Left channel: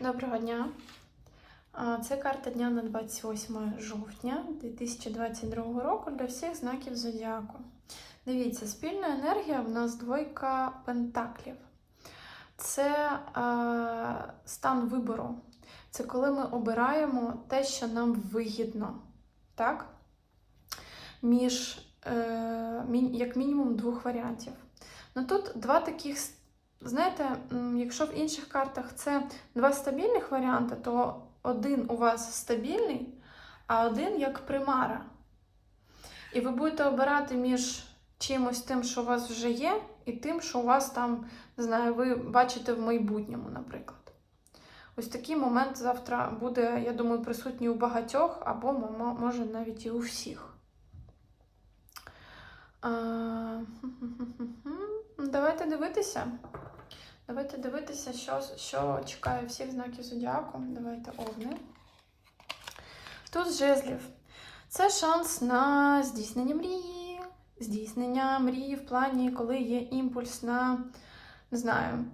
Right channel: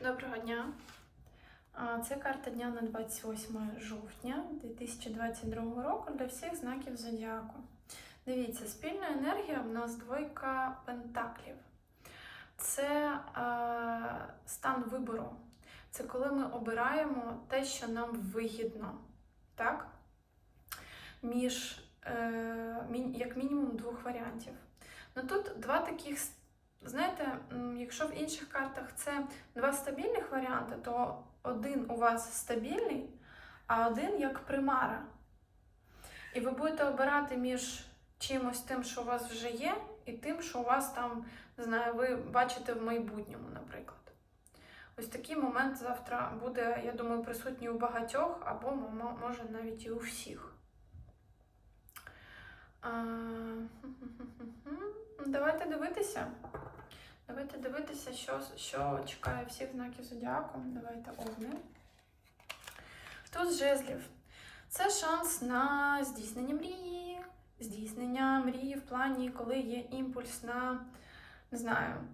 Доброго дня. Це карта дня на 28 жовтня 2022 року для всіх знаків зодіаку. Дивіться, спільна енергія в нас двойка пентаклів. Це е, стан вибору. Це коли ми обираємо те, що нам вигідно. Так? Між, е, як мінімум, двох варіантів. Ну тут два таких Знаєте, якщо в інших картах це два стабільних варіанти, то один у вас стабільний, а один як примара. І ви будете обирати між чимось тим, що у вас вже є, і тим, що у вас там, не знаю, ви бачите в майбутньому, наприклад. Ось такий момент завтра буде, я думаю, присутній у багатьох, або може навіть і у всіх. Давайте дивитися. Давайте дивитися, що, що чекає всіх знаків зодіаку. Давайте овни. Туз жезлів. Це шанс на здійснення мрії. Здійснення мрії в плані, коли є імпульс на, не знаю,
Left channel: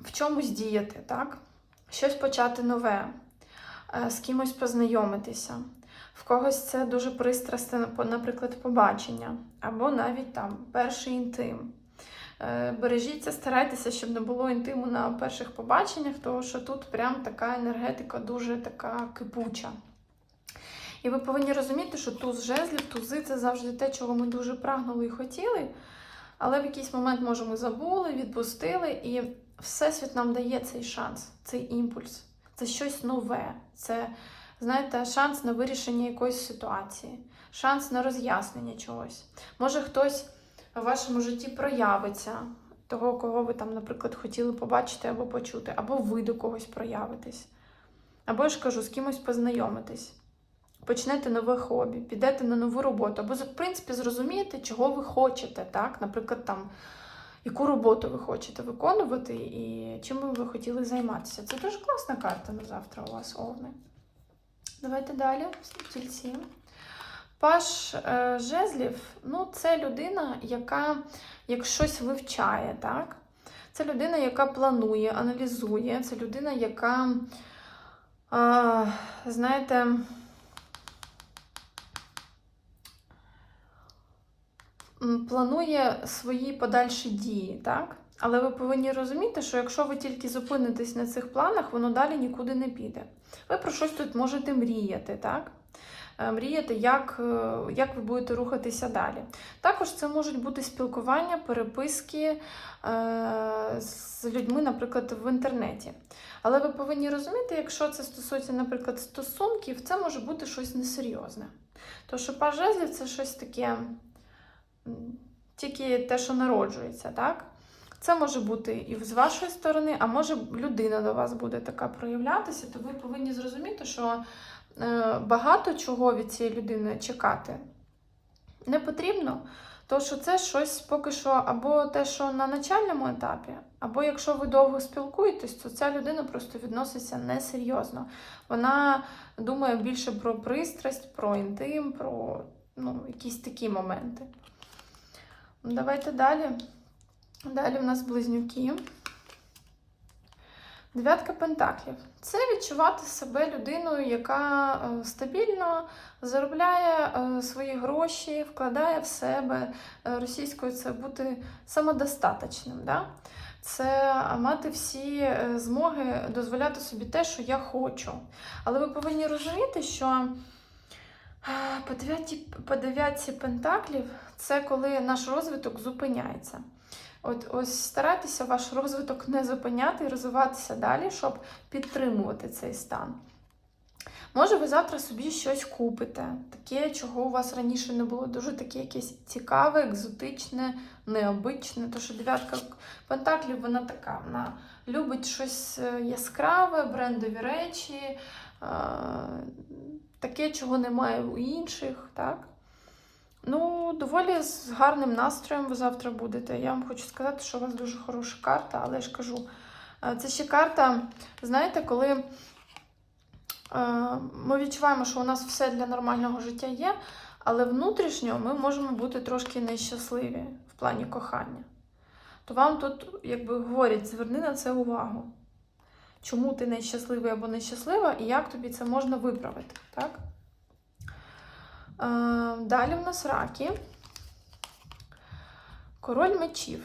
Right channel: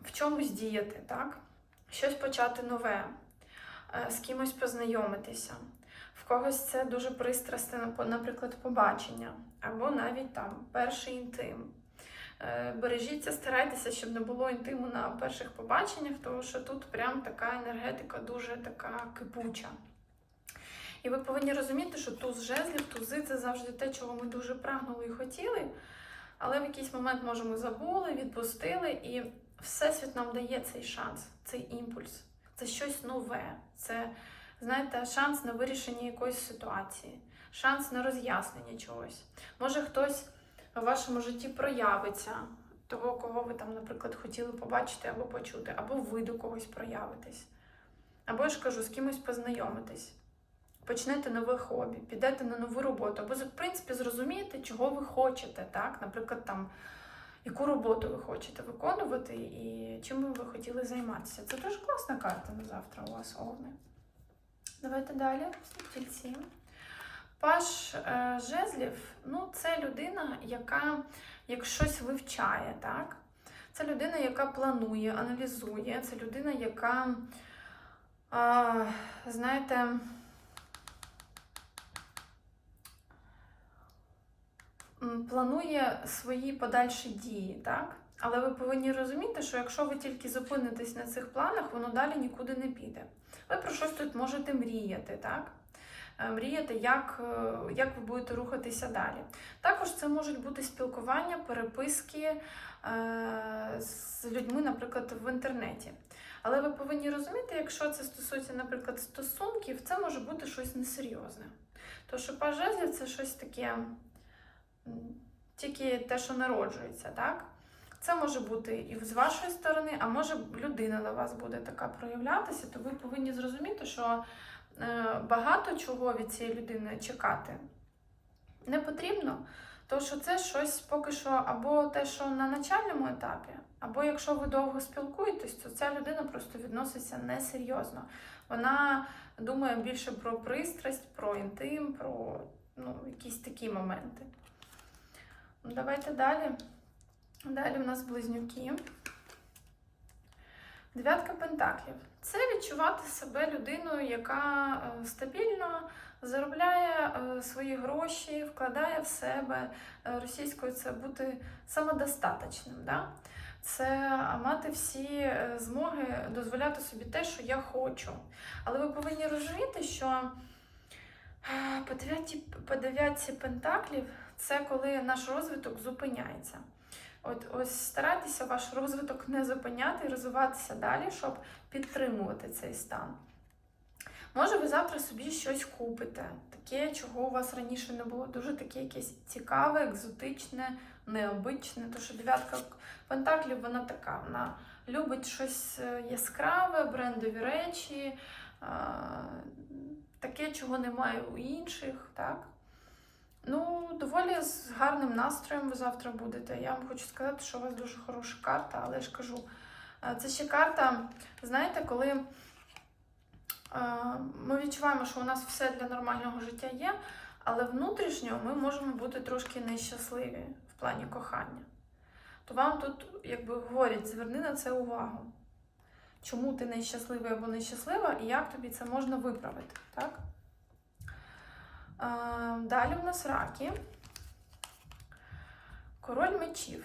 в чомусь діяти, так? Щось почати нове, е, з кимось познайомитися. В когось це дуже пристрасне, наприклад, побачення, або навіть там перший інтим. Е, Бережіться, старайтеся, щоб не було інтиму на перших побаченнях, тому що тут прям така енергетика дуже така кипуча. І ви повинні розуміти, що туз жезлів, тузи це завжди те, чого ми дуже прагнули і хотіли, але в якийсь момент, може, ми забули, відпустили, і Всесвіт нам дає цей шанс, цей імпульс. Це щось нове. Це, знаєте, шанс на вирішення якоїсь ситуації, шанс на роз'яснення чогось. Може, хтось у вашому житті проявиться того, кого ви там, наприклад, хотіли побачити або почути, або ви до когось проявитесь. Або я ж кажу, з кимось познайомитись. Почнете нове хобі, підете на нову роботу, або, в принципі, зрозумієте, чого ви хочете, так? Наприклад, там, яку роботу ви хочете виконувати і чим ви хотіли займатися. Це дуже класна карта на завтра у вас, Овни. Давайте далі. Стільці. Паш е, жезлів ну, це людина, яка як щось вивчає, так? Це людина, яка планує, аналізує, це людина, яка, е, знаєте, планує свої подальші дії, так? Але ви повинні розуміти, що якщо ви тільки зупинитесь на цих планах, воно далі нікуди не піде. Ви про щось тут можете мріяти, так? Е, мріяти, як, е, як ви будете рухатися далі. Також це можуть бути спілкування, переписки е, з людьми, наприклад, в інтернеті. Але ви повинні розуміти, якщо це стосується, наприклад, стосунків, це може бути щось несерйозне. Тому що паж жезлів це щось таке, тільки те, що народжується, так? Це може бути і з вашої сторони, а може людина до вас буде така проявлятися, то ви повинні зрозуміти, що багато чого від цієї людини чекати не потрібно, тому що це щось поки що або те, що на начальному етапі, або якщо ви довго спілкуєтесь, то ця людина просто відноситься несерйозно. Вона думає більше про пристрасть, про інтим, про ну, якісь такі моменти. Давайте далі. Далі в нас близнюки. Дев'ятка пентаклів. Це відчувати себе людиною, яка е, стабільно заробляє е, свої гроші, вкладає в себе. Е, Російською це бути самодостаточним. Да? Це мати всі змоги дозволяти собі те, що я хочу. Але ви повинні розуміти, що по дев'ятці, по пентаклів це коли наш розвиток зупиняється. От ось старайтеся ваш розвиток не зупиняти і розвиватися далі, щоб підтримувати цей стан. Може, ви завтра собі щось купите, таке, чого у вас раніше не було, дуже таке якесь цікаве, екзотичне, необичне. Тому що дев'ятка пентаклів, вона така, вона любить щось е, яскраве, брендові речі, е, таке, чого немає у інших. так? Ну, доволі з гарним настроєм ви завтра будете. Я вам хочу сказати, що у вас дуже хороша карта, але я ж кажу, е, це ще карта, знаєте, коли е, ми відчуваємо, що у нас все для нормального життя є, але внутрішньо ми можемо бути трошки нещасливі в плані кохання. То вам тут, якби говорять, зверни на це увагу. чому ти нещасливий або нещаслива, і як тобі це можна виправити. Так? Е, Далі в нас раки. Король мечів.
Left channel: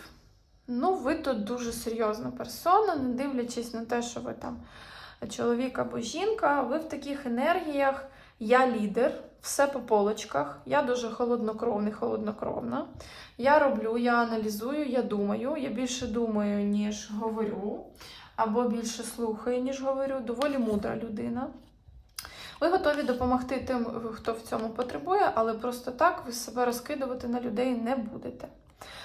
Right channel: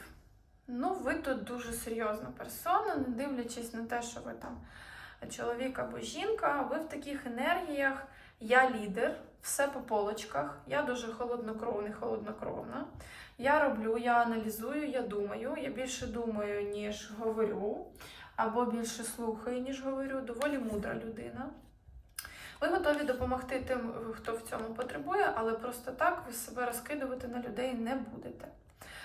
Ну, ви тут дуже серйозна персона, не дивлячись на те, що ви там чоловік або жінка, ви в таких енергіях. Я лідер, все по полочках. Я дуже холоднокровний, холоднокровна. Я роблю, я аналізую, я думаю. Я більше думаю, ніж говорю, або більше слухаю, ніж говорю. Доволі мудра людина. Ви готові допомогти тим, хто в цьому потребує, але просто так ви себе розкидувати на людей не будете.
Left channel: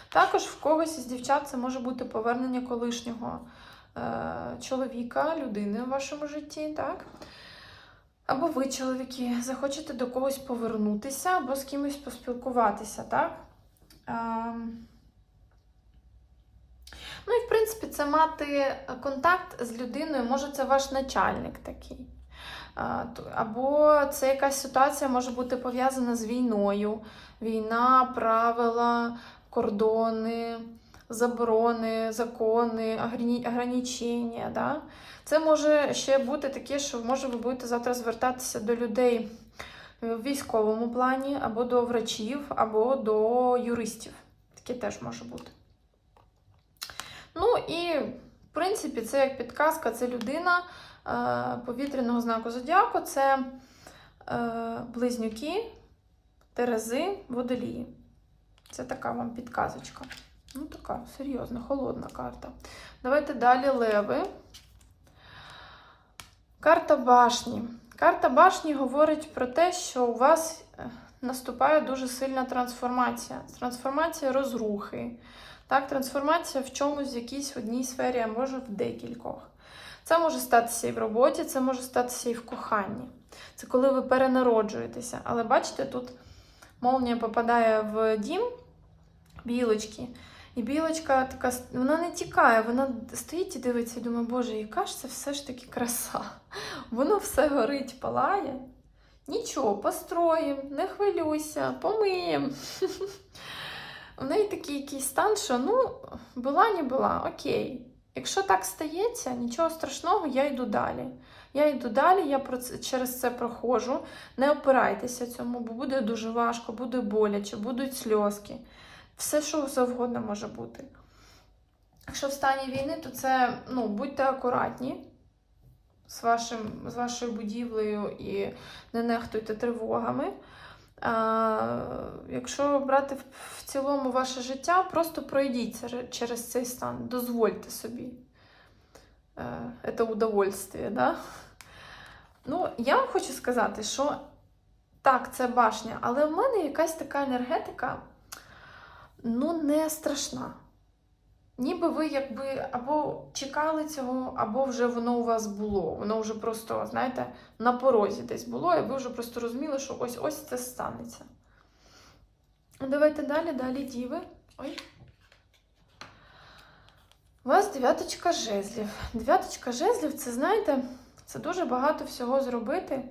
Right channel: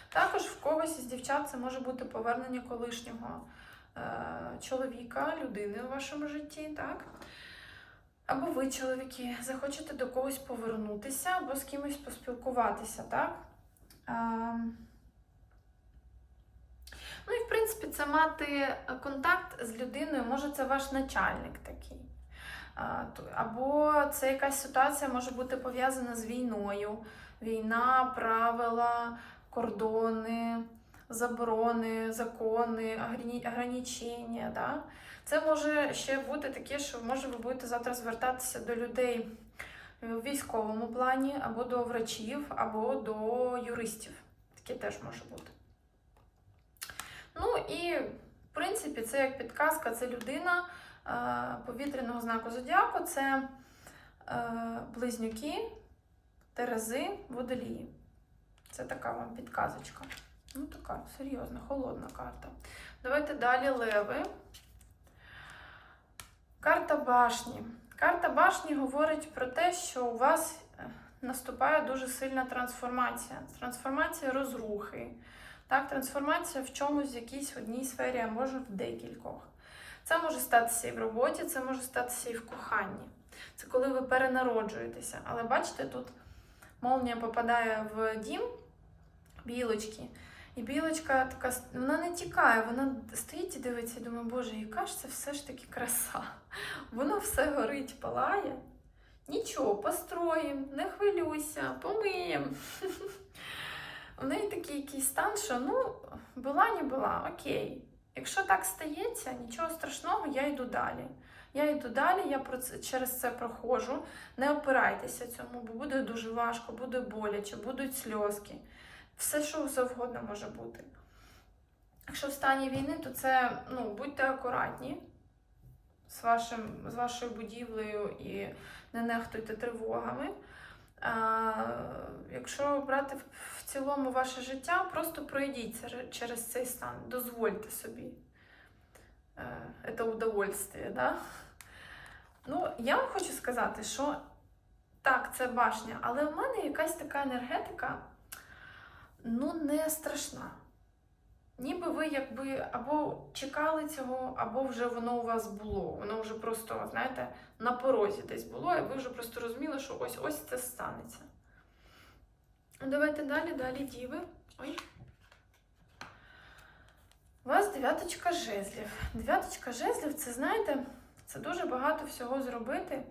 Також в когось із дівчат це може бути повернення колишнього е, чоловіка, людини в вашому житті, так? Або ви, чоловіки, захочете до когось повернутися, або з кимось поспілкуватися, так? Ем, Ну і в принципі, це мати контакт з людиною, може, це ваш начальник такий. Або це якась ситуація може бути пов'язана з війною. Війна, правила, кордони, заборони, закони, ограничення. Да? Це може ще бути таке, що може ви будете завтра звертатися до людей в військовому плані, або до врачів, або до юристів. Таке теж може бути. Ну і, в принципі, це як підказка, це людина повітряного знаку зодіаку, це е, близнюки, терези, водолії. Це така вам підказочка. Ну, така серйозна, холодна карта. Давайте далі леви. Карта башні. Карта башні говорить про те, що у вас е, наступає дуже сильна трансформація. Трансформація розрухи. Так, трансформація в чомусь в якійсь одній сфері, а може в декількох. Це може статися і в роботі, це може статися і в коханні. Це коли ви перенароджуєтеся. Але бачите, тут молнія попадає в дім білочки. І білочка така, вона не тікає, вона стоїть і дивиться і думає, боже, яка ж це все ж таки краса. Воно все горить, палає. Нічого, построїм, не хвилюйся, помиємо. У неї такий якийсь стан, що ну, була, не була, окей. Якщо так стається, нічого страшного, я йду далі. Я йду далі, я через це проходжу. Не опирайтеся цьому, бо буде дуже важко, буде боляче, будуть сльозки. Все, що завгодно може бути. Якщо в стані війни, то це ну, будьте акуратні з, вашим, з вашою будівлею і не нехтуйте тривогами. Якщо брати в, в цілому ваше життя, просто пройдіться через цей стан, дозвольте собі. Е, Це удовольствие, да? Ну, я вам хочу сказати, що так, це башня, але в мене якась така енергетика, ну, не страшна. Ніби ви якби або чекали цього, або вже воно у вас було. Воно вже просто, знаєте, на порозі десь було, і ви вже просто розуміли, що ось ось це станеться. Давайте далі, далі діви. Ой. У вас дев'яточка жезлів. Дев'яточка жезлів це, знаєте, це дуже багато всього зробити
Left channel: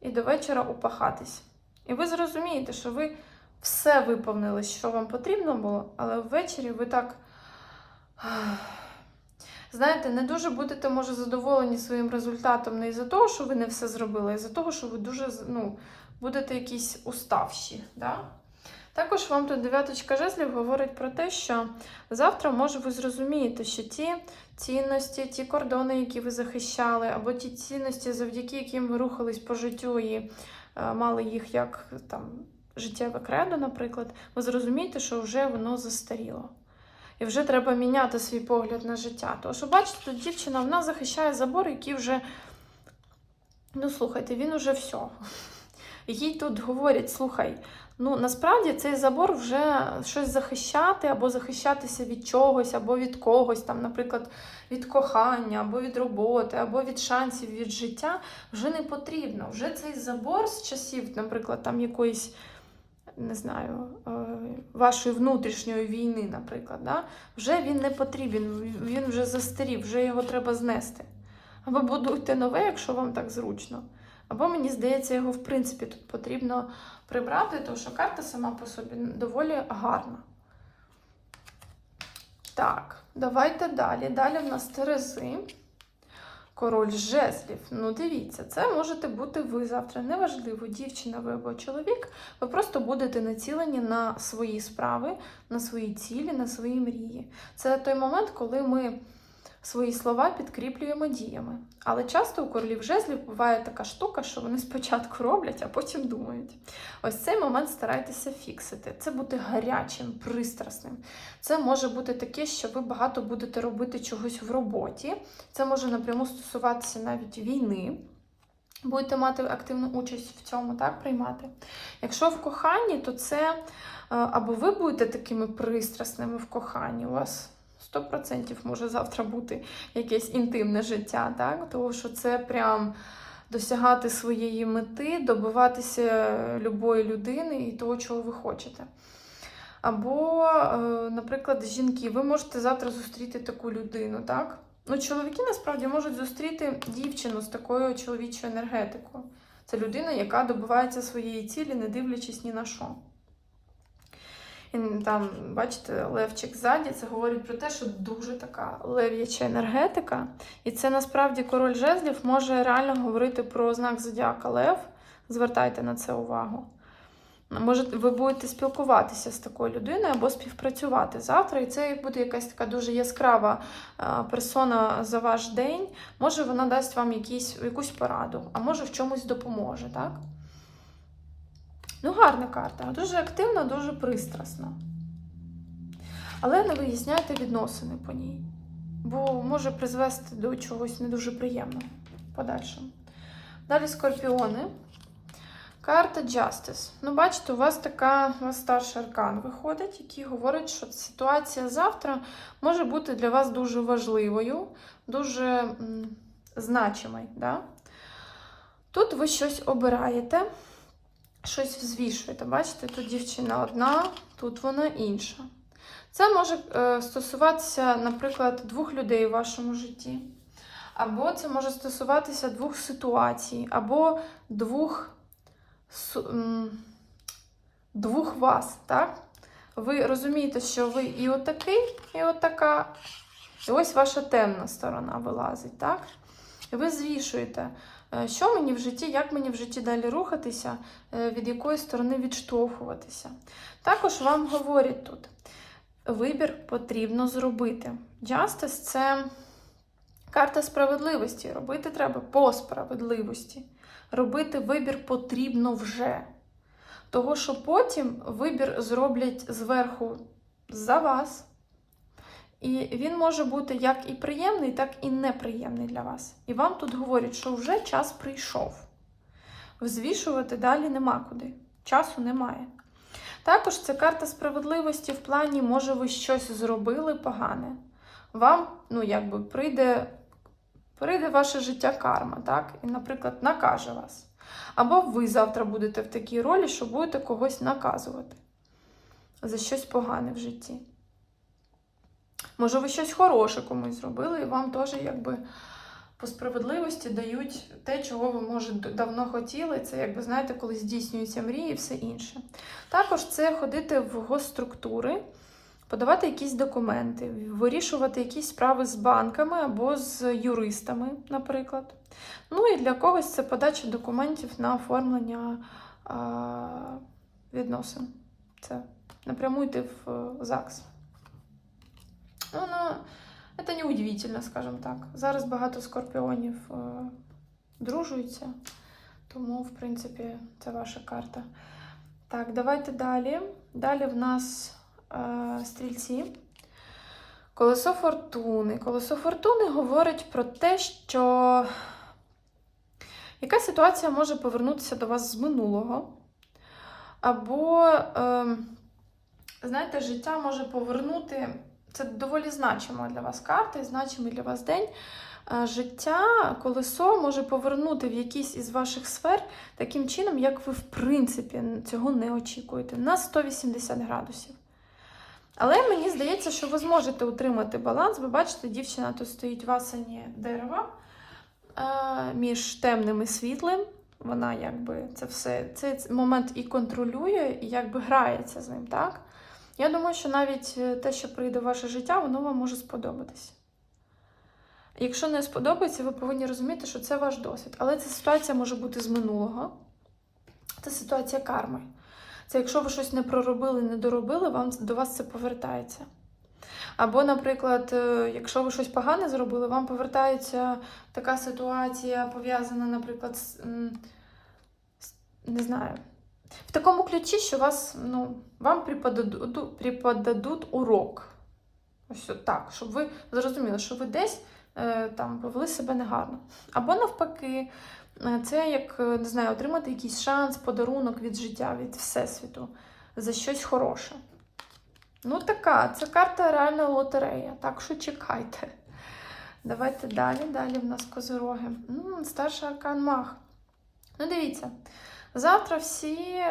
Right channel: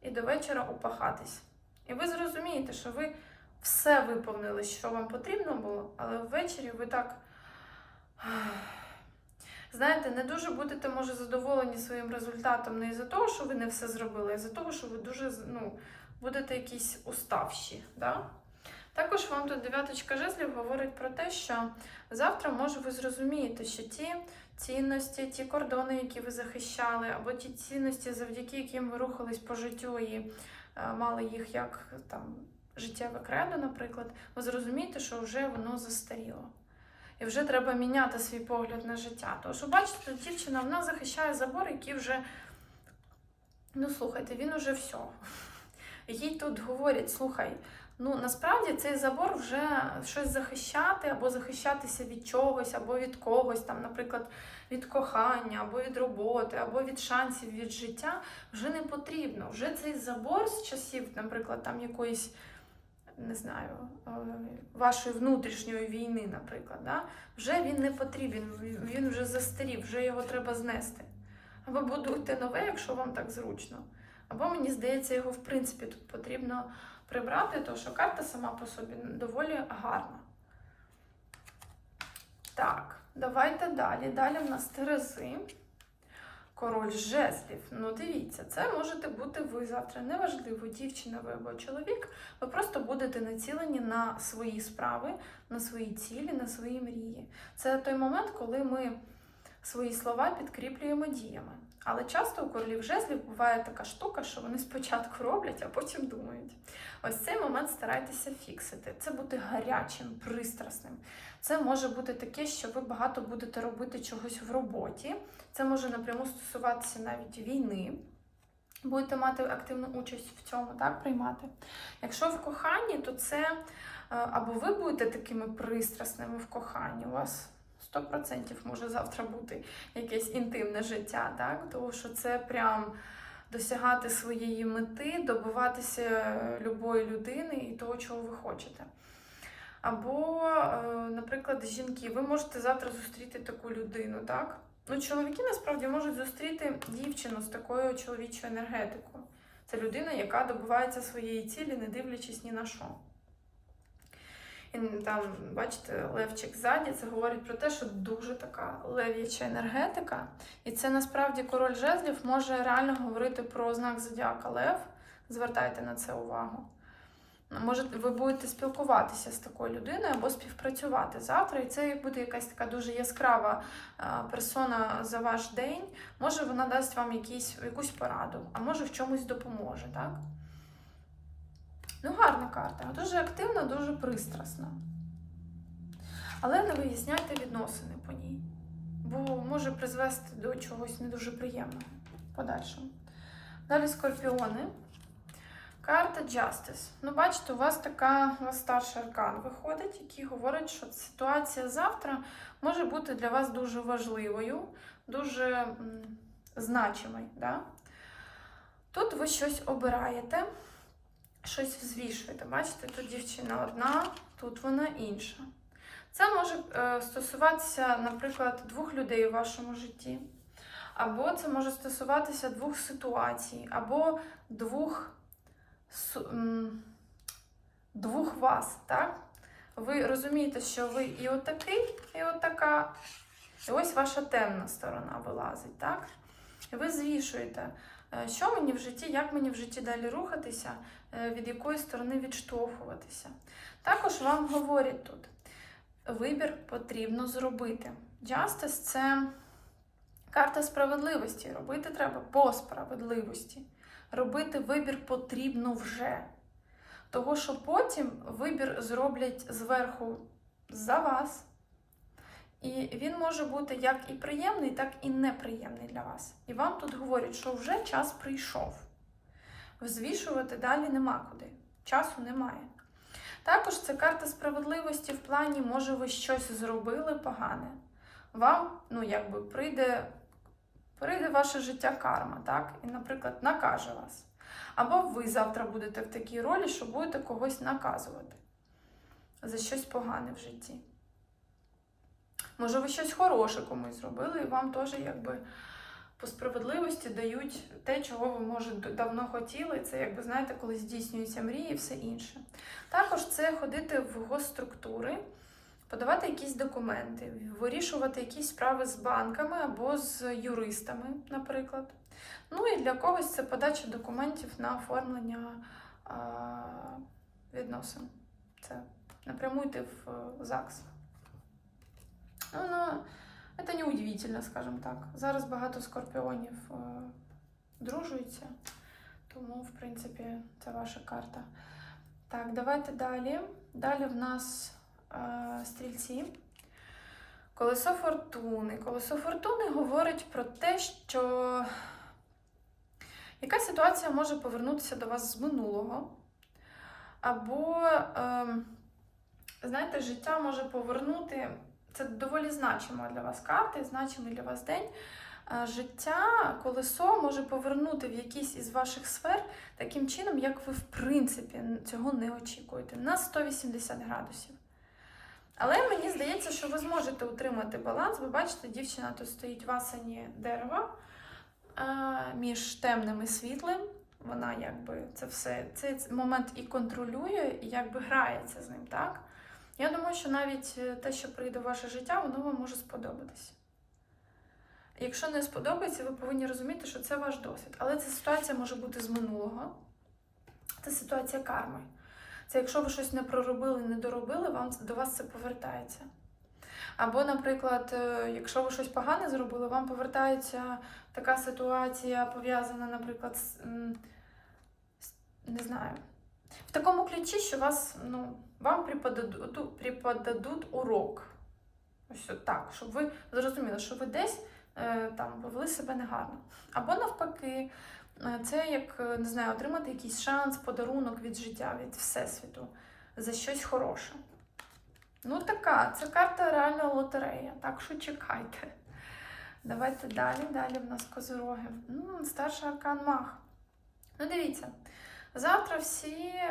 і до вечора упахатись. І ви зрозумієте, що ви все виповнили, що вам потрібно було, але ввечері ви так. Знаєте, не дуже будете, може, задоволені своїм результатом не із-за того, що ви не все зробили, а із-за того, що ви дуже ну, будете якісь уставші. Да? Також вам тут дев'яточка жезлів говорить про те, що завтра, може, ви зрозумієте, що ті цінності, ті кордони, які ви захищали, або ті цінності, завдяки яким ви рухались по життю і е, мали їх як там життєве кредо, наприклад, ви зрозумієте, що вже воно застаріло. І вже треба міняти свій погляд на життя. Тому що, бачите, тут дівчина вона захищає забор, який вже, ну слухайте, він уже все. Їй тут говорять, слухай, ну насправді цей забор вже щось захищати, або захищатися від чогось, або від когось, там, наприклад, від кохання, або від роботи, або від шансів від життя вже не потрібно. Вже цей забор з часів, наприклад, там якоїсь не знаю, е, вашої внутрішньої війни, наприклад, да? вже він не потрібен, він вже застарів, вже його треба знести. Або будуйте нове, якщо вам так зручно. Або, мені здається, його в принципі тут потрібно прибрати, тому що карта сама по собі доволі гарна. Так, давайте далі. Далі в нас терези. Король жезлів. Ну, дивіться, це можете бути ви завтра. Неважливо, дівчина ви або чоловік. Ви просто будете націлені на свої справи, на свої цілі, на свої мрії. Це той момент, коли ми свої слова підкріплюємо діями. Але часто у королів жезлів буває така штука, що вони спочатку роблять, а потім думають. Ось цей момент старайтеся фіксити. Це бути гарячим, пристрасним. Це може бути таке, що ви багато будете робити чогось в роботі. Це може напряму стосуватися навіть війни. Будете мати активну участь в цьому, так, приймати. Якщо в коханні, то це е, або ви будете такими пристрасними в коханні, у вас 100% може завтра бути якесь інтимне життя, так? Тому що це прям досягати своєї мети, добиватися любої людини і того, чого ви хочете. Або, е, наприклад, жінки, ви можете завтра зустріти таку людину, так? Ну, чоловіки насправді можуть зустріти дівчину з такою чоловічою енергетикою. Це людина, яка добивається своєї цілі, не дивлячись ні на що. Там, бачите, левчик ззаді, це говорить про те, що дуже така лев'яча енергетика. І це насправді король жезлів може реально говорити про знак зодіака Лев. Звертайте на це увагу. Може, ви будете спілкуватися з такою людиною або співпрацювати завтра, і це буде якась така дуже яскрава персона за ваш день. Може, вона дасть вам якісь, якусь пораду, а може в чомусь допоможе, так? Ну, гарна карта, дуже активна, дуже пристрасна. Але не виясняйте відносини по ній, бо може призвести до чогось не дуже приємного подальшому. Далі скорпіони. Карта Justice. Ну, бачите, у вас така у вас старший аркан виходить, який говорить, що ситуація завтра може бути для вас дуже важливою, дуже значимою. Да? Тут ви щось обираєте, щось взвішуєте. Бачите, тут дівчина одна, тут вона інша. Це може е, стосуватися, наприклад, двох людей у вашому житті. Або це може стосуватися двох ситуацій, або двох двох вас, так? Ви розумієте, що ви і отакий, і отака. І ось ваша темна сторона вилазить, так? Ви звішуєте, що мені в житті, як мені в житті далі рухатися, е, від якої сторони відштовхуватися. Також вам говорять тут: вибір потрібно зробити. Justice – це карта справедливості. Робити треба по справедливості. Робити вибір потрібно вже. Того, що потім вибір зроблять зверху за вас. І він може бути як і приємний, так і неприємний для вас. І вам тут говорять, що вже час прийшов. Взвішувати далі нема куди. Часу немає. Також це карта справедливості в плані, може, ви щось зробили погане. Вам, ну, якби прийде прийде ваше життя карма, так? І, наприклад, накаже вас. Або ви завтра будете в такій ролі, що будете когось наказувати за щось погане в житті. Може, ви щось хороше комусь зробили, і вам теж якби по справедливості дають те, чого ви, може, давно хотіли. Це, якби, знаєте, коли здійснюються мрії і все інше. Також це ходити в госструктури, подавати якісь документи, вирішувати якісь справи з банками або з юристами, наприклад. Ну і для когось це подача документів на оформлення а, відносин. Це напряму йти в е, ЗАГС. Ну, це не удивительно, скажімо так. Зараз багато скорпіонів е, дружуються, тому, в принципі, це ваша карта. Так, давайте далі. Далі в нас е, стрільці. Колесо фортуни. Колесо фортуни говорить про те, що яка ситуація може повернутися до вас з минулого. Або, е, знаєте, життя може повернути. Це доволі значима для вас карта і значимий для вас день. Е, Життя, колесо може повернути в якійсь із ваших сфер таким чином, як ви, в принципі, цього не очікуєте, на 180 градусів. Але мені здається, що ви зможете утримати баланс. Ви бачите, дівчина тут стоїть в асані дерева е, між темним і світлим. Вона якби це все цей момент і контролює, і якби грається з ним, так? Я думаю, що навіть е, те, що прийде в ваше життя, воно вам може сподобатися. Якщо не сподобається, ви повинні розуміти, що це ваш досвід. Але ця ситуація може бути з минулого. Це ситуація карми. Це якщо ви щось не проробили, не доробили, вам до вас це повертається. Або, наприклад, е, якщо ви щось погане зробили, вам повертається така ситуація, пов'язана, наприклад, з- не знаю, в такому ключі, що вас, ну, вам преподадуть, преподадуть урок. Ось так, щоб ви зрозуміли, що ви десь е, там повели себе негарно. Або навпаки, е, це як е, не знаю, отримати якийсь шанс, подарунок від життя, від всесвіту за щось хороше. Ну, така, це карта реальна лотерея, так що чекайте. Давайте далі. Далі в нас козироги. М, Старший аркан мах. Ну, дивіться, завтра всі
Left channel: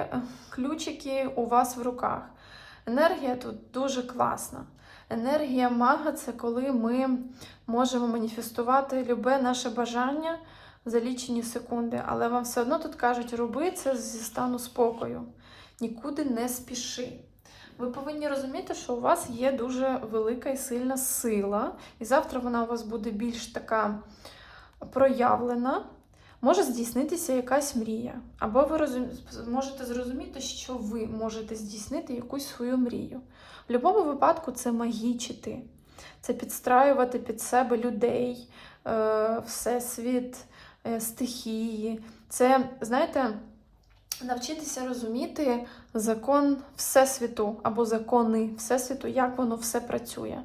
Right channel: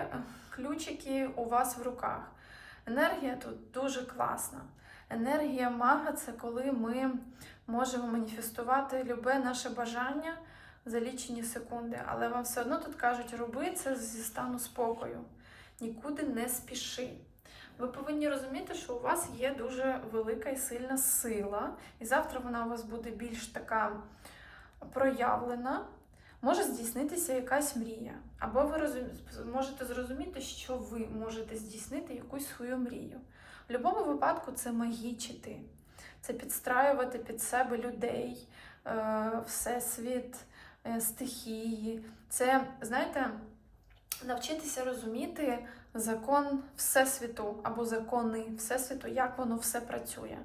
ключики у вас в руках. Енергія тут дуже класна. Енергія мага це коли ми можемо маніфестувати любе наше бажання за лічені секунди, але вам все одно тут кажуть, роби це зі стану спокою. Нікуди не спіши. Ви повинні розуміти, що у вас є дуже велика і сильна сила, і завтра вона у вас буде більш така проявлена. Може здійснитися якась мрія, або ви розум... можете зрозуміти, що ви можете здійснити якусь свою мрію. В будь-якому випадку це магічити, це підстраювати під себе людей, е, всесвіт, е, стихії. Це, знаєте, навчитися розуміти закон Всесвіту або закони Всесвіту, як воно все працює.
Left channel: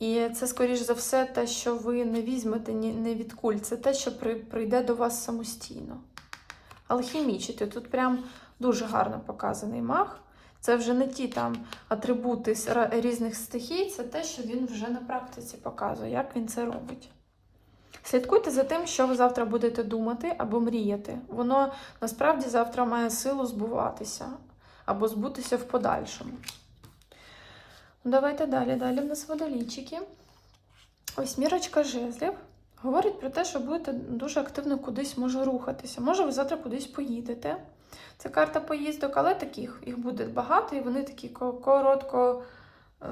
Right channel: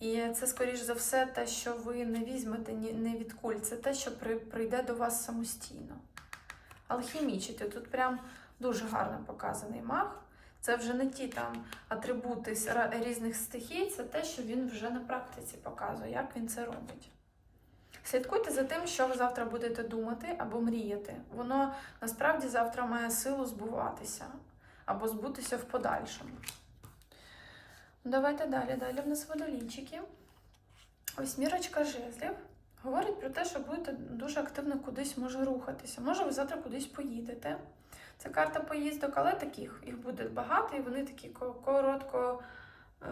І це, скоріш за все, те, що ви не візьмете ні, не від куль, це те, що при- прийде до вас самостійно. Алхімічити. Тут прям дуже гарно показаний маг. Це вже не ті там атрибути різних стихій, це те, що він вже на практиці показує, як він це робить. Слідкуйте за тим, що ви завтра будете думати або мріяти. Воно насправді завтра має силу збуватися або збутися в подальшому. Давайте далі. Далі в нас водолійчики. Ось мірочка жезлів. Говорить про те, що будете дуже активно кудись може рухатися. Може, ви завтра кудись поїдете. Це карта поїздок, але таких їх буде багато, і вони такі коротко, е,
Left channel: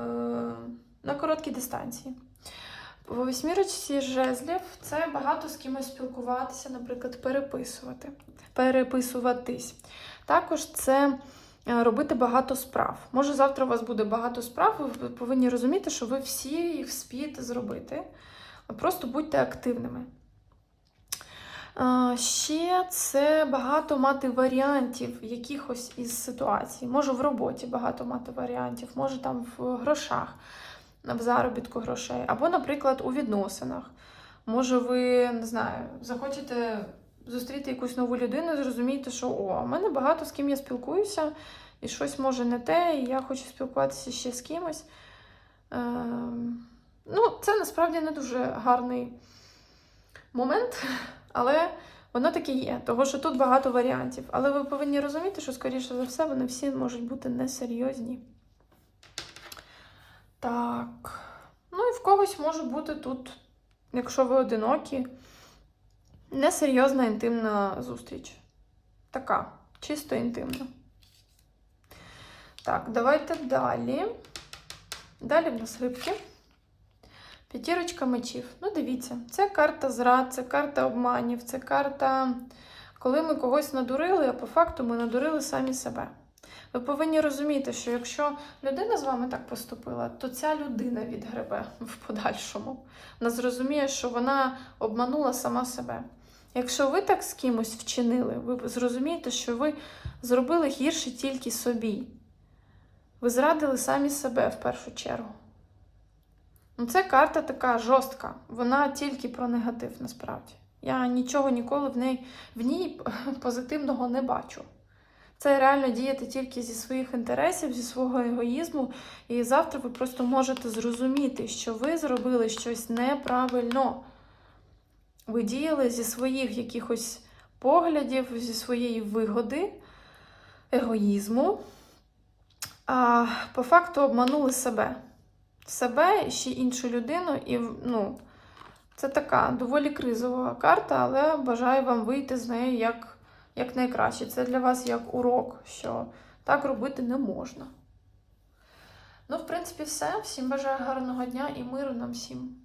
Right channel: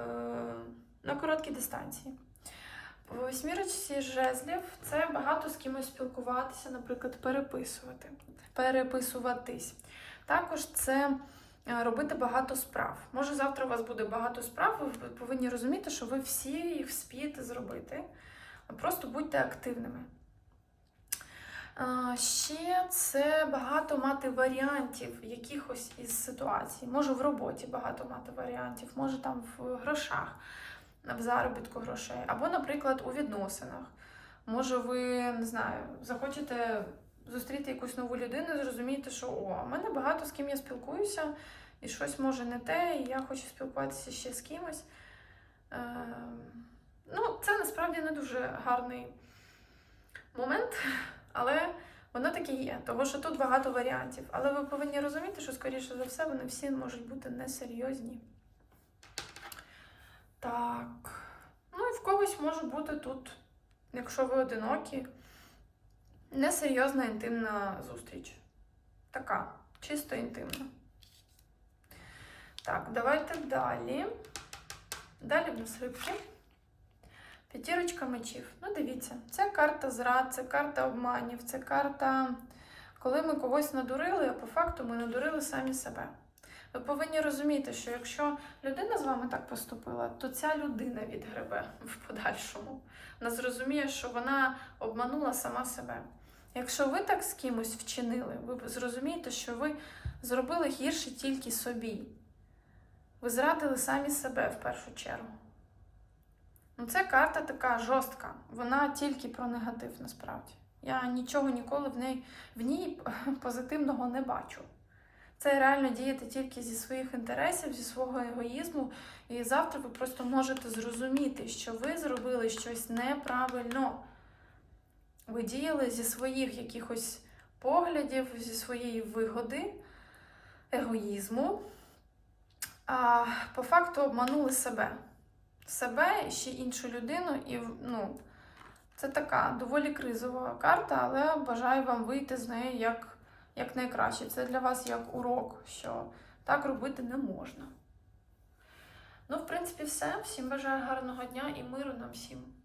на короткій дистанції. В восьмірочці жезлів це багато з кимось спілкуватися, наприклад, переписувати, переписуватись. Також це робити багато справ. Може, завтра у вас буде багато справ, ви повинні розуміти, що ви всі їх вспієте зробити. Просто будьте активними. Е, Ще це багато мати варіантів якихось із ситуацій. Може в роботі багато мати варіантів, може там в грошах, в заробітку грошей, або, наприклад, у відносинах. Може, ви не знаю, захочете зустріти якусь нову людину і зрозумієте, що о, в мене багато з ким я спілкуюся, і щось може не те, і я хочу спілкуватися ще з кимось. Ем, ну, це насправді не дуже гарний момент, але воно таке є, тому що тут багато варіантів. Але ви повинні розуміти, що, скоріше за все, вони всі можуть бути несерйозні. Так. Ну і в когось може бути тут, якщо ви одинокі, несерйозна інтимна зустріч. Така, чисто інтимна. Так, давайте далі. Далі в нас рибки. П'ятірочка мечів. Ну, дивіться, це карта зрад, це карта обманів, це карта, коли ми когось надурили, а по факту ми надурили самі себе. Ви повинні розуміти, що якщо людина з вами так поступила, то ця людина відгребе в подальшому. Вона зрозуміє, що вона обманула сама себе. Якщо ви так з кимось вчинили, ви зрозумієте, що ви зробили гірше тільки собі. Ви зрадили самі себе в першу чергу. Ну, це карта така жорстка. Вона тільки про негатив насправді. Я нічого ніколи в ній, в ній позитивного не бачу. Це реально діяти тільки зі своїх інтересів, зі свого егоїзму. І завтра ви просто можете зрозуміти, що ви зробили щось неправильно. Ви діяли зі своїх якихось поглядів, зі своєї вигоди, егоїзму, а по факту обманули себе. Себе ще іншу людину, і ну, це така доволі кризова карта, але бажаю вам вийти з неї як, як найкраще. Це для вас як урок, що так робити не можна. Ну, в принципі, все. Всім бажаю гарного дня і миру нам всім.